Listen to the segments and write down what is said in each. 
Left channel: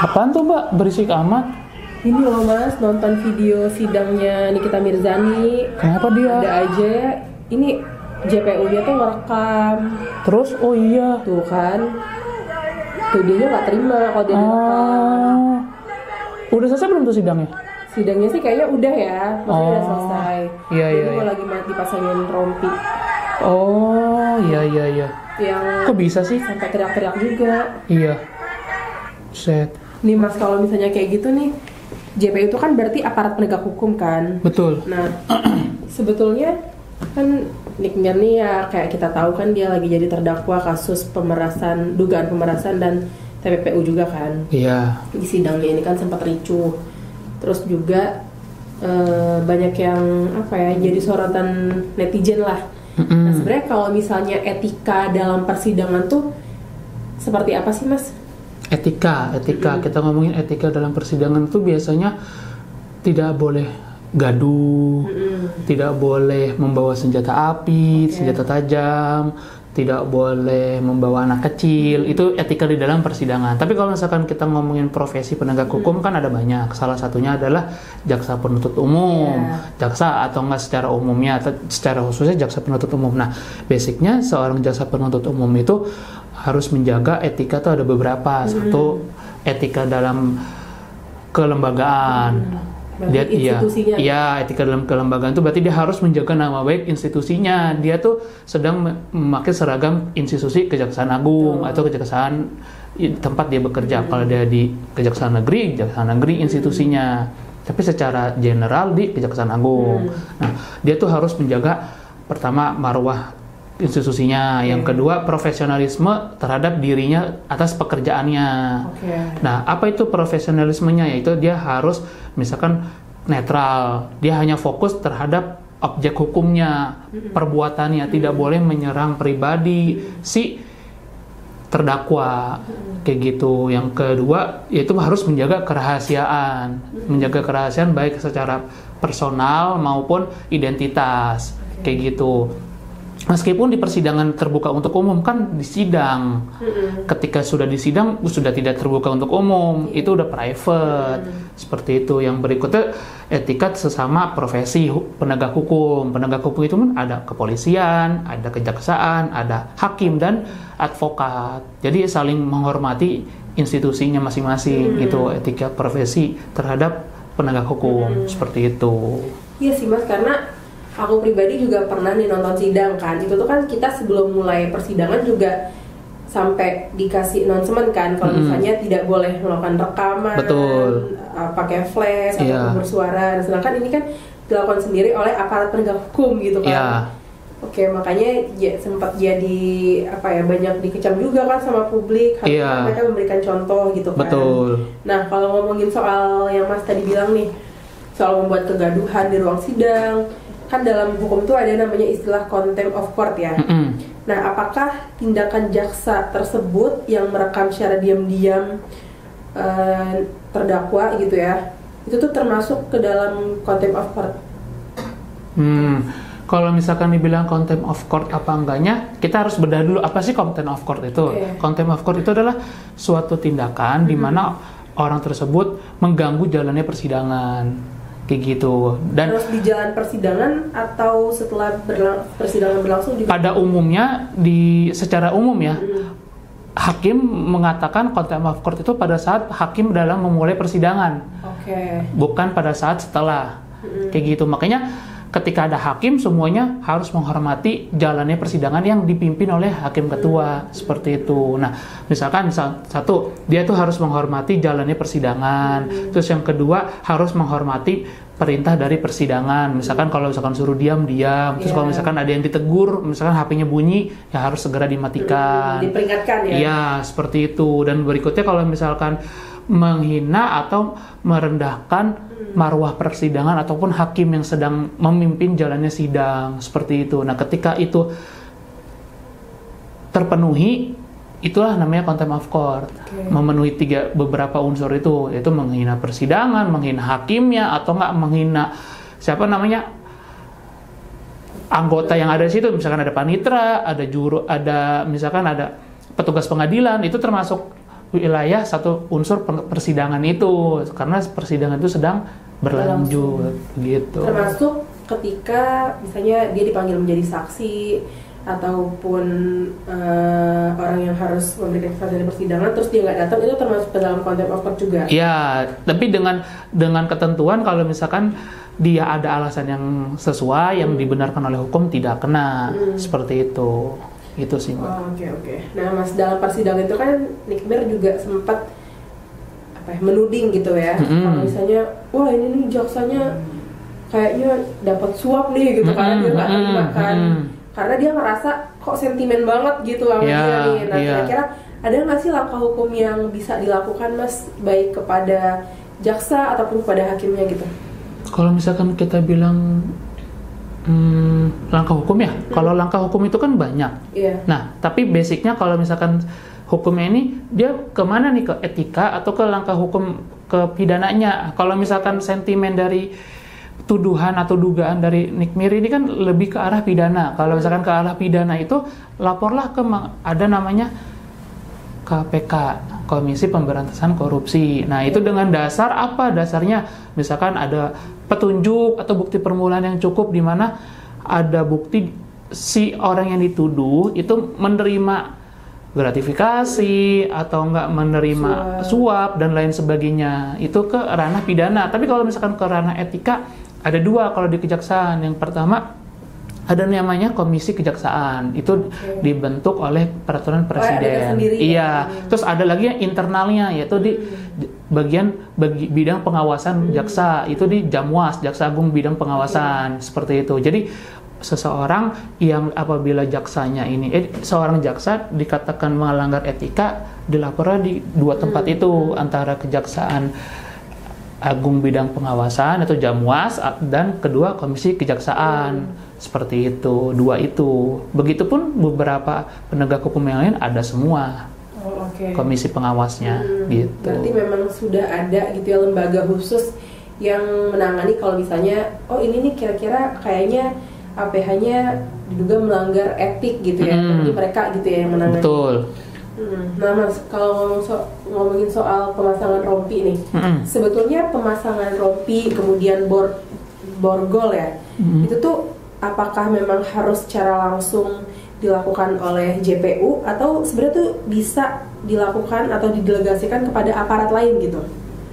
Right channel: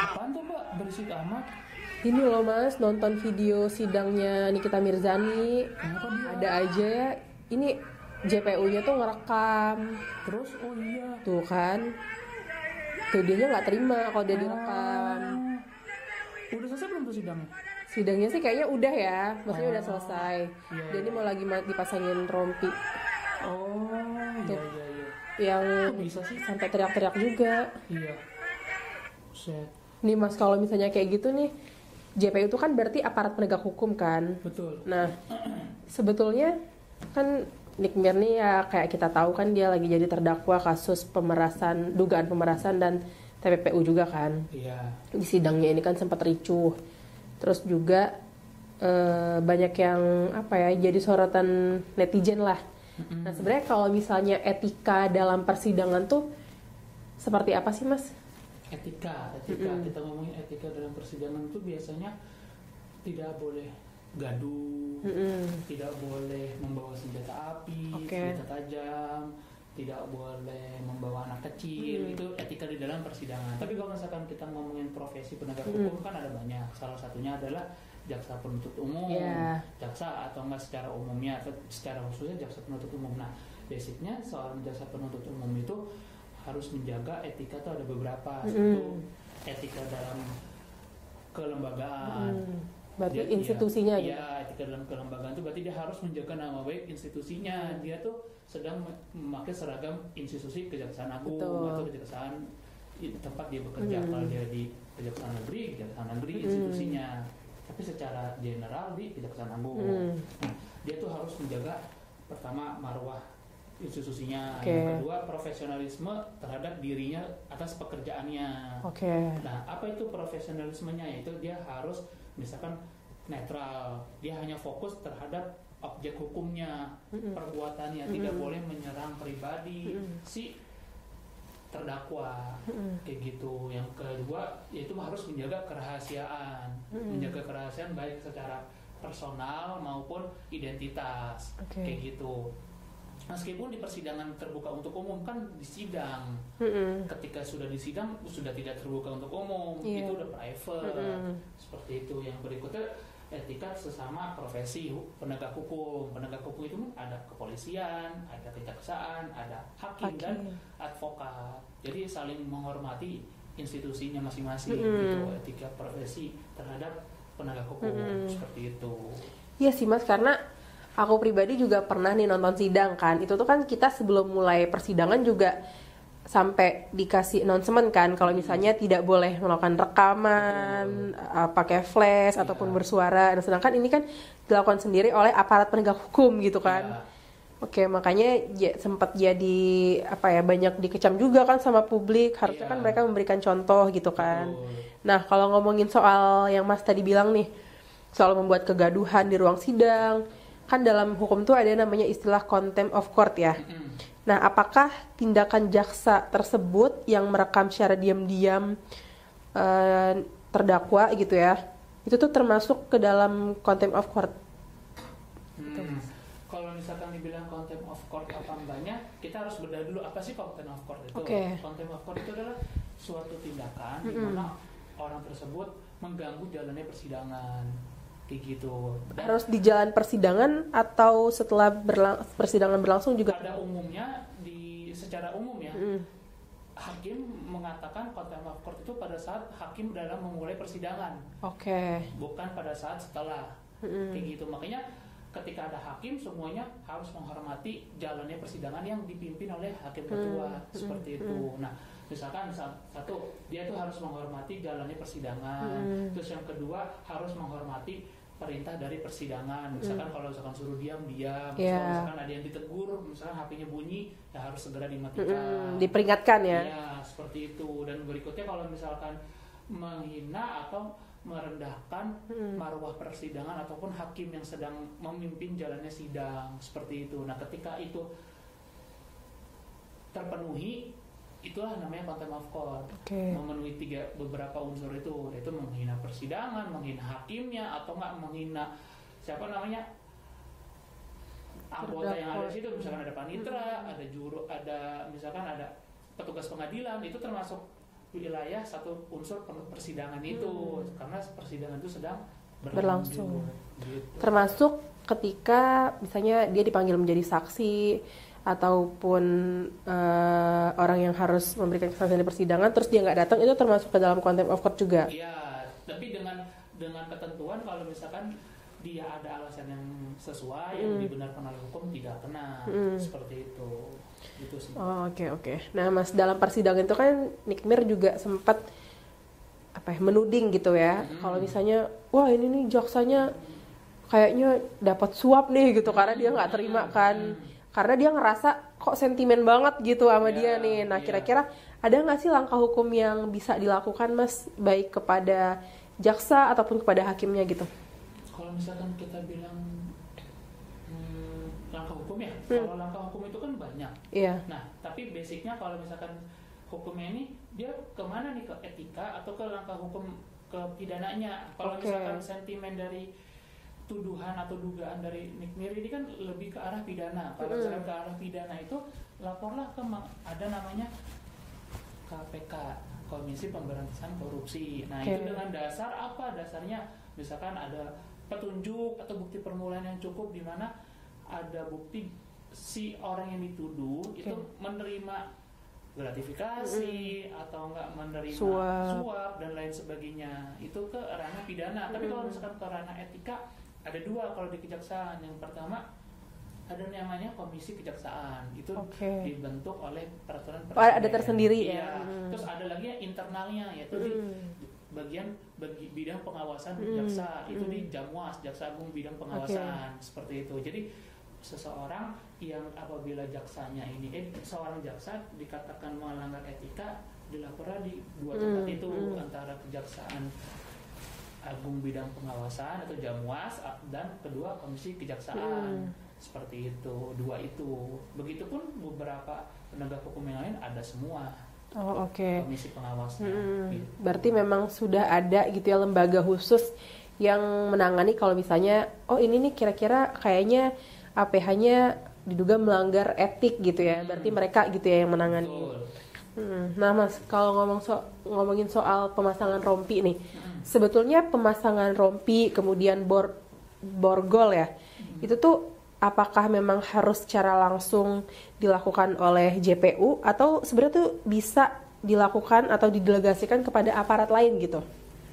Apaan tuh Mbak? Berisik amat. Ini loh Mas, nonton video sidangnya Nikita Mirzani. Kenapa dia? Ada aja. Ini JPU-nya tuh ngerekam. Terus, oh iya. Tuh kan. Jadinya nggak terima kalau dia direkam. Udah selesai belum tuh sidangnya? Sidangnya sih kayaknya udah ya. Maksudnya udah selesai. Iya, Jadi iya, mau iya. lagi dipasangin rompi. Oh, iya, iya, iya. Yang Kok bisa sih? sampai teriak-teriak juga. Iya. Set. Nih Mas, kalau misalnya kayak gitu nih, JPU itu kan berarti aparat penegak hukum kan. Betul. Nah, sebetulnya kan Nick nih ya kayak kita tahu kan dia lagi jadi terdakwa kasus pemerasan, dugaan pemerasan dan TPPU juga kan. Iya. Di sidangnya ini kan sempat ricuh. Terus juga banyak yang apa ya, jadi sorotan netizen lah. Nah, sebenarnya kalau misalnya etika dalam persidangan tuh seperti apa sih Mas? Etika. Kita ngomongin etika dalam persidangan tuh biasanya tidak boleh gaduh, tidak boleh membawa senjata api, senjata tajam, tidak boleh membawa anak kecil. Itu etika di dalam persidangan. Tapi kalau misalkan kita ngomongin profesi penegak hukum kan ada banyak. Salah satunya adalah jaksa penuntut umum, jaksa atau enggak secara umumnya atau secara khususnya jaksa penuntut umum. Nah, basicnya seorang jaksa penuntut umum itu harus menjaga etika tuh ada beberapa. Satu, etika dalam kelembagaan. Dia iya, etika dalam kelembagaan itu berarti dia harus menjaga nama baik institusinya. Dia tuh sedang memakai seragam institusi Kejaksaan Agung atau kejaksaan tempat dia bekerja. Kalau dia di Kejaksaan Negeri institusinya. Tapi secara general di Kejaksaan Agung. Nah, dia tuh harus menjaga pertama marwah institusinya, yang kedua profesionalisme terhadap dirinya atas pekerjaannya. Nah, apa itu profesionalismenya? Yaitu dia harus misalkan netral, dia hanya fokus terhadap objek hukumnya, perbuatannya, tidak boleh menyerang pribadi si terdakwa, kayak gitu. Yang kedua yaitu harus menjaga kerahasiaan baik secara personal maupun identitas, kayak gitu. Meskipun di persidangan terbuka untuk umum kan di sidang, ketika sudah di sidang sudah tidak terbuka untuk umum, itu udah private, seperti itu. Yang berikutnya etika sesama profesi penegak hukum. Penegak hukum itu kan ada kepolisian, ada kejaksaan, ada hakim dan advokat. Jadi saling menghormati institusinya masing-masing, gitu etika profesi terhadap penegak hukum, seperti itu. Iya sih Mas, karena aku pribadi juga pernah nih nonton sidang kan. Itu tuh kan kita sebelum mulai persidangan juga sampai dikasih announcement kan kalau misalnya tidak boleh melakukan rekaman, pakai flash atau bersuara. Sedangkan ini kan dilakukan sendiri oleh aparat penegak hukum gitu kan. Oke, makanya sempat jadi apa ya, banyak dikecam juga kan sama publik. Harusnya mereka memberikan contoh gitu kan. Nah, kalau ngomongin soal yang Mas tadi bilang nih, soal membuat kegaduhan di ruang sidang, kan dalam hukum tuh ada namanya istilah contempt of court ya. Nah, apakah tindakan jaksa tersebut yang merekam secara diam-diam terdakwa gitu ya, itu tuh termasuk ke dalam contempt of court? Kalau misalkan dibilang contempt of court apa enggaknya, kita harus bedah dulu apa sih contempt of court itu. Contempt of court itu adalah suatu tindakan di mana orang tersebut mengganggu jalannya persidangan, kayak gitu. Dan terus di jalan persidangan atau setelah persidangan berlangsung juga? Pada umumnya secara umum ya, hakim mengatakan contempt of court itu pada saat hakim dalam memulai persidangan, bukan pada saat setelah, kayak gitu. Makanya ketika ada hakim, semuanya harus menghormati jalannya persidangan yang dipimpin oleh hakim ketua, seperti itu. Nah, misalkan satu, dia tuh harus menghormati jalannya persidangan. Terus yang kedua, harus menghormati perintah dari persidangan. Misalkan kalau misalkan suruh diam. Terus kalau misalkan ada yang ditegur, misalkan HP-nya bunyi, ya harus segera dimatikan. Diperingatkan ya? Iya, seperti itu. Dan berikutnya kalau misalkan menghina atau merendahkan marwah persidangan ataupun hakim yang sedang memimpin jalannya sidang, seperti itu. Nah, ketika itu terpenuhi, itulah namanya contempt of court. Memenuhi beberapa unsur itu, yaitu menghina persidangan, menghina hakimnya, atau enggak menghina anggota yang ada di situ. Misalkan ada panitera, ada misalkan ada petugas pengadilan, itu termasuk wilayah satu unsur persidangan itu, karena persidangan itu sedang berlanjut gitu. Termasuk ketika misalnya dia dipanggil menjadi saksi ataupun orang yang harus memberikan keterangan di persidangan terus dia nggak datang, itu termasuk ke dalam contempt of court juga. Iya, tapi dengan ketentuan kalau misalkan dia ada alasan yang sesuai yang dibenarkan oleh hukum tidak kena seperti itu. Itu sih. Oke. Nah, Mas, dalam persidangan itu kan Nick Mir juga sempat menuding gitu ya. Kalau misalnya, wah ini nih jaksanya kayaknya dapat suap nih gitu karena dia nggak terima kan. Karena dia ngerasa kok sentimen banget gitu sama dia nih. Nah, kira-kira ada nggak sih langkah hukum yang bisa dilakukan, Mas, baik kepada jaksa ataupun kepada hakimnya gitu? Kalau misalkan kita bilang langkah hukum ya, kalau langkah hukum itu kan banyak. Nah, tapi basicnya kalau misalkan hukumnya ini dia kemana nih, ke etika atau ke langkah hukum ke pidananya? Kalau misalkan sentimen dari tuduhan atau dugaan dari Nick Mir ini kan lebih ke arah pidana. Kalau misalkan ke arah pidana itu laporlah ke ada namanya KPK, Komisi Pemberantasan Korupsi. Nah, itu dengan dasar apa? Dasarnya misalkan ada petunjuk atau bukti permulaan yang cukup di mana ada bukti si orang yang dituduh itu menerima gratifikasi atau enggak menerima suap dan lain sebagainya. Itu ke ranah pidana. Tapi kalau misalkan ke ranah etika ada dua kalau di kejaksaan. Yang pertama ada namanya Komisi Kejaksaan, itu dibentuk oleh peraturan presiden. Iya. Terus ada lagi yang internalnya, yaitu di bidang pengawasan jaksa, itu di Jamwas, Jaksa Agung Bidang Pengawasan, seperti itu. Jadi seseorang yang apabila jaksanya ini, seorang jaksa dikatakan melanggar etika, dilaporkan di dua tempat itu, antara Kejaksaan Agung Bidang Pengawasan atau Jamwas, dan kedua Komisi Kejaksaan. Seperti itu, dua itu. Begitupun beberapa penegak hukum yang lain ada semua. Komisi pengawasnya gitu. Berarti memang sudah ada gitu ya lembaga khusus yang menangani kalau misalnya ini nih kira-kira kayaknya APH-nya diduga melanggar etik gitu ya. Jadi mereka gitu ya yang menangani. Betul. Nah, Mas, kalau ngomongin soal pemasangan rompi nih, sebetulnya pemasangan rompi kemudian borgol ya, itu tuh apakah memang harus secara langsung dilakukan oleh JPU atau sebenarnya tuh bisa dilakukan atau didelegasikan kepada aparat lain gitu?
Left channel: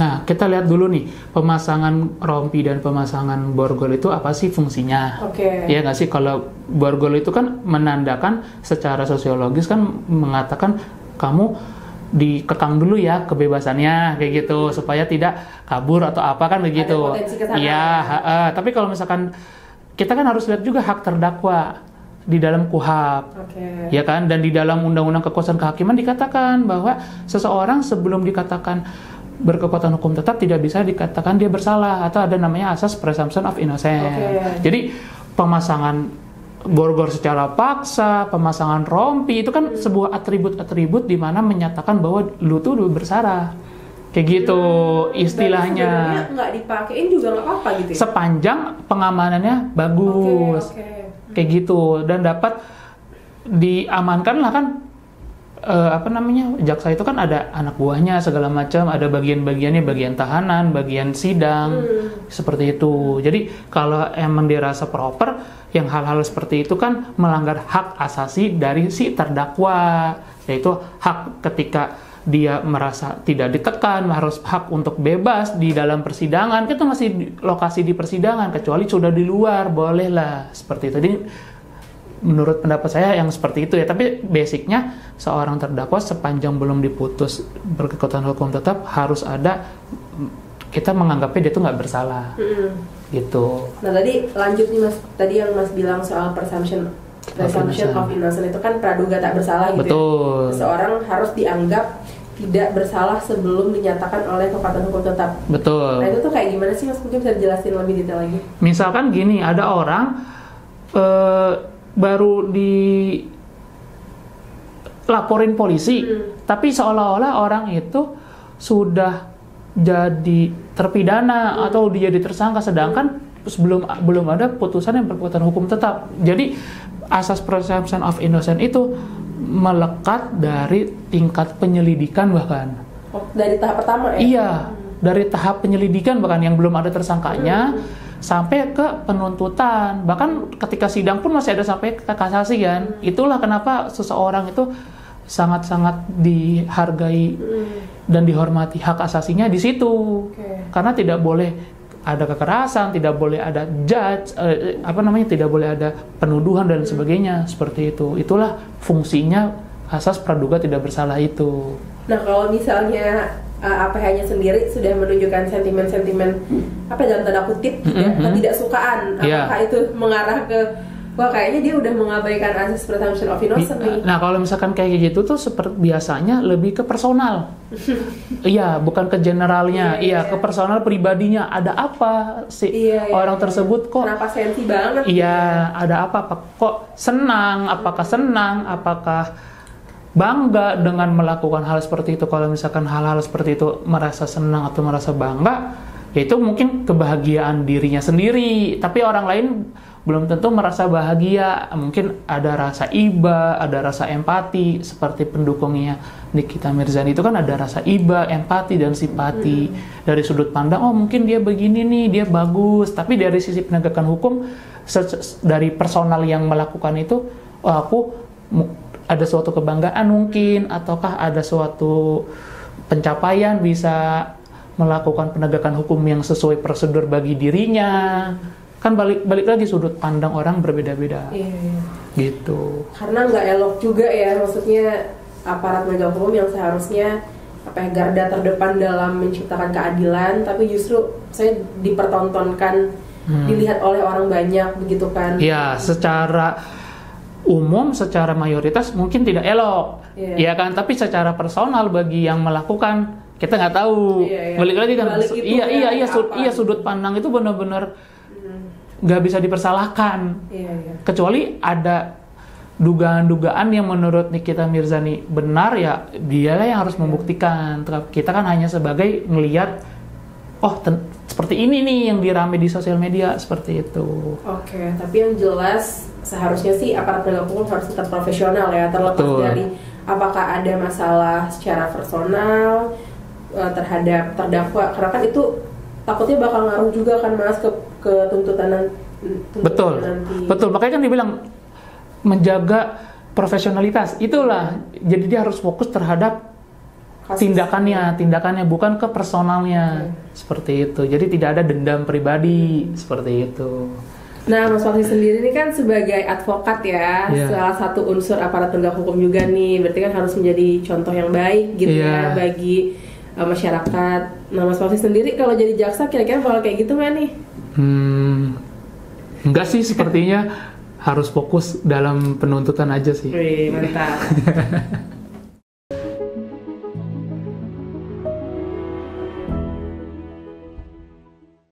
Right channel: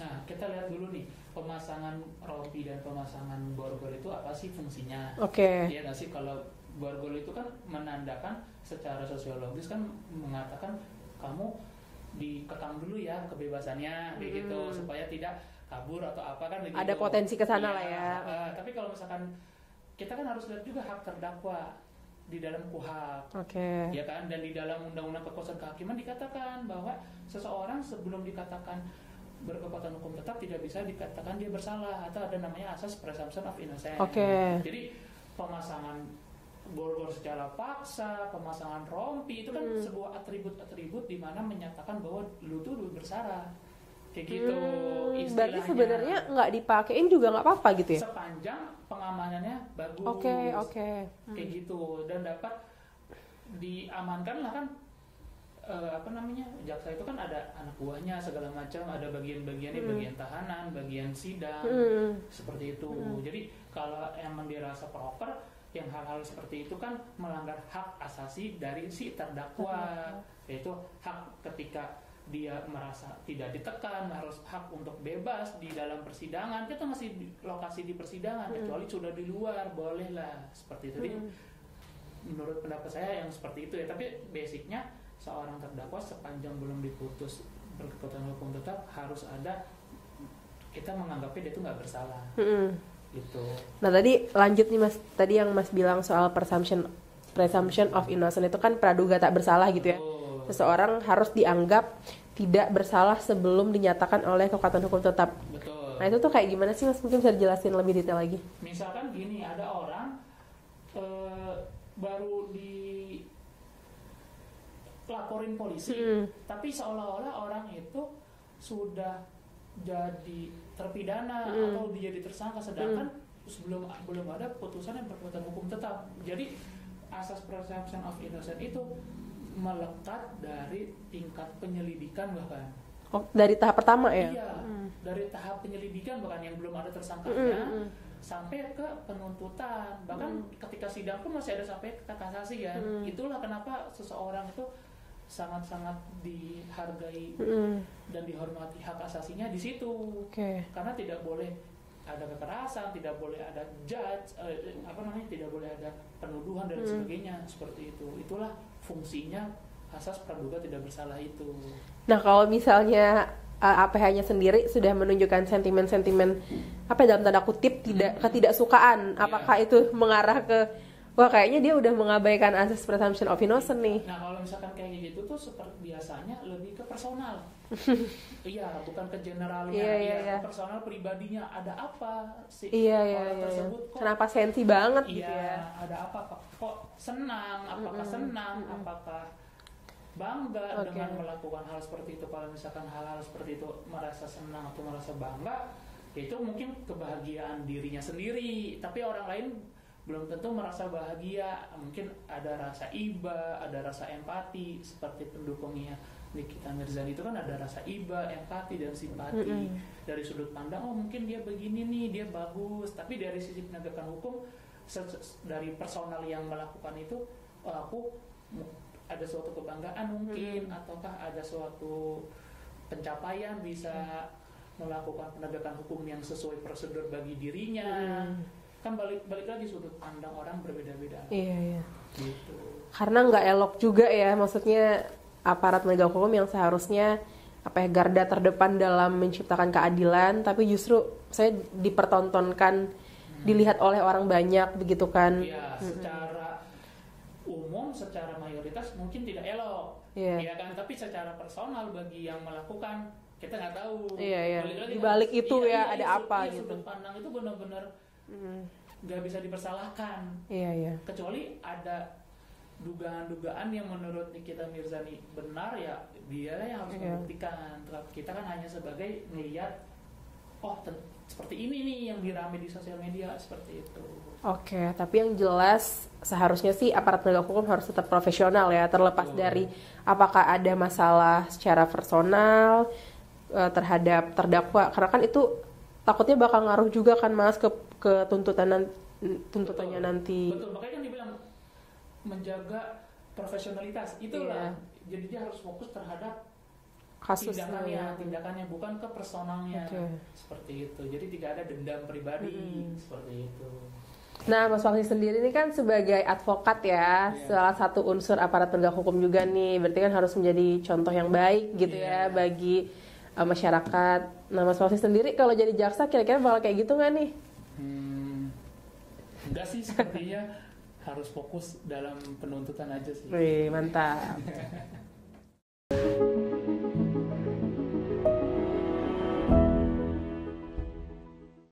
Nah, kita lihat dulu nih, pemasangan rompi dan pemasangan borgol itu apa sih fungsinya? Ya nggak sih, kalau borgol itu kan menandakan secara sosiologis kan mengatakan kamu dikekang dulu ya kebebasannya kayak gitu supaya tidak kabur atau apa kan begitu. Ada potensi kesana. Iya, tapi kalau misalkan kita kan harus lihat juga hak terdakwa di dalam KUHP, ya kan? Dan di dalam Undang-Undang Kekuasaan Kehakiman dikatakan bahwa seseorang sebelum dikatakan berkekuatan hukum tetap tidak bisa dikatakan dia bersalah, atau ada namanya asas presumption of innocence. Jadi pemasangan borgol secara paksa, pemasangan rompi itu kan sebuah atribut-atribut di mana menyatakan bahwa lu tuh bersalah. Kayak gitu istilahnya. Sebenarnya nggak dipakein juga nggak apa-apa gitu ya? Sepanjang pengamanannya bagus. Kayak gitu. Dan dapat diamankan lah kan, jaksa itu kan ada anak buahnya segala macam, ada bagian-bagiannya, bagian tahanan, bagian sidang, seperti itu. Jadi kalau emang dirasa proper, yang hal-hal seperti itu kan melanggar hak asasi dari si terdakwa, yaitu hak ketika dia merasa tidak ditekan, harus hak untuk bebas di dalam persidangan. Kita masih lokasi di persidangan, kecuali sudah di luar, bolehlah seperti itu. Jadi menurut pendapat saya yang seperti itu ya. Tapi basicnya seorang terdakwa sepanjang belum diputus berkekuatan hukum tetap harus ada, kita menganggapnya dia itu nggak bersalah. Gitu. Nah tadi lanjut nih Mas, tadi yang Mas bilang soal presumption of innocence itu kan praduga tak bersalah gitu. Betul. Ya. Seseorang harus dianggap tidak bersalah sebelum dinyatakan oleh kekuatan hukum tetap. Betul. Nah itu tuh kayak gimana sih Mas? Mungkin bisa jelasin lebih detail lagi. Misalkan gini, ada orang baru dilaporin polisi, tapi seolah-olah orang itu sudah jadi terpidana atau dia jadi tersangka, sedangkan belum ada putusan yang berkekuatan hukum tetap. Jadi asas presumption of innocence itu melekat dari tingkat penyelidikan bahkan. Dari tahap pertama ya? Iya, dari tahap penyelidikan bahkan yang belum ada tersangkanya sampai ke penuntutan. Bahkan ketika sidang pun masih ada sampai ke kasasi kan. Itulah kenapa seseorang itu sangat-sangat dihargai dan dihormati hak asasinya di situ. Karena tidak boleh ada kekerasan, tidak boleh ada tidak boleh ada penuduhan dan sebagainya seperti itu. Itulah fungsinya asas praduga tidak bersalah itu. Nah, kalau misalnya APH-nya sendiri sudah menunjukkan sentimen-sentimen dalam tanda kutip ketidaksukaan, apakah itu mengarah ke wah kayaknya dia udah mengabaikan asas presumption of innocence nih. Nah, kalau misalkan kayak gitu tuh seperti biasanya lebih ke personal. Iya, bukan ke generalnya. Iya, ke personal pribadinya. Ada apa sih orang tersebut kok? Kenapa sensi banget? Iya, ada apa? Kok senang? Apakah senang? Apakah bangga dengan melakukan hal seperti itu? Kalau misalkan hal-hal seperti itu merasa senang atau merasa bangga, ya itu mungkin kebahagiaan dirinya sendiri. Tapi orang lain belum tentu merasa bahagia, mungkin ada rasa iba, ada rasa empati, seperti pendukungnya Nikita Mirzani itu kan ada rasa iba, empati, dan simpati. Dari sudut pandang, oh mungkin dia begini nih, dia bagus, tapi dari sisi penegakan hukum, dari personal yang melakukan itu, oh aku ada suatu kebanggaan mungkin, ataukah ada suatu pencapaian bisa melakukan penegakan hukum yang sesuai prosedur bagi dirinya. Kan balik lagi sudut pandang orang berbeda-beda. Gitu. Karena nggak elok juga ya, maksudnya aparat penegak hukum yang seharusnya garda terdepan dalam menciptakan keadilan, tapi justru saya dipertontonkan, dilihat oleh orang banyak begitu kan? Ya, secara umum, secara mayoritas mungkin tidak elok, ya kan? Tapi secara personal bagi yang melakukan kita nggak tahu. Balik lagi kan? Sudut pandang itu benar-benar nggak bisa dipersalahkan, kecuali ada dugaan-dugaan yang menurut Nikita Mirzani benar, ya dialah yang harus membuktikan. Kita kan hanya sebagai ngelihat, oh seperti ini nih yang dirame di sosial media, seperti itu. Oke, tapi yang jelas seharusnya sih aparat penegak hukum harus tetap profesional ya, terlepas dari apakah ada masalah secara personal terhadap terdakwa, karena kan itu takutnya bakal ngaruh juga kan Mas ke tuntutan nanti. Betul. Makanya kan dibilang menjaga profesionalitas. Itulah. Jadi dia harus fokus terhadap tindakannya bukan ke personalnya. Seperti itu. Jadi tidak ada dendam pribadi seperti itu. Nah, Mas Fauzi sendiri ini kan sebagai advokat ya, salah satu unsur aparat penegak hukum juga nih. Berarti kan harus menjadi contoh yang baik gitu ya bagi masyarakat. Nah, Mas Fauzi sendiri kalau jadi jaksa kira-kira bakal kayak gitu nggak nih? Enggak sih, sepertinya harus fokus dalam penuntutan aja sih. Wih, mantap.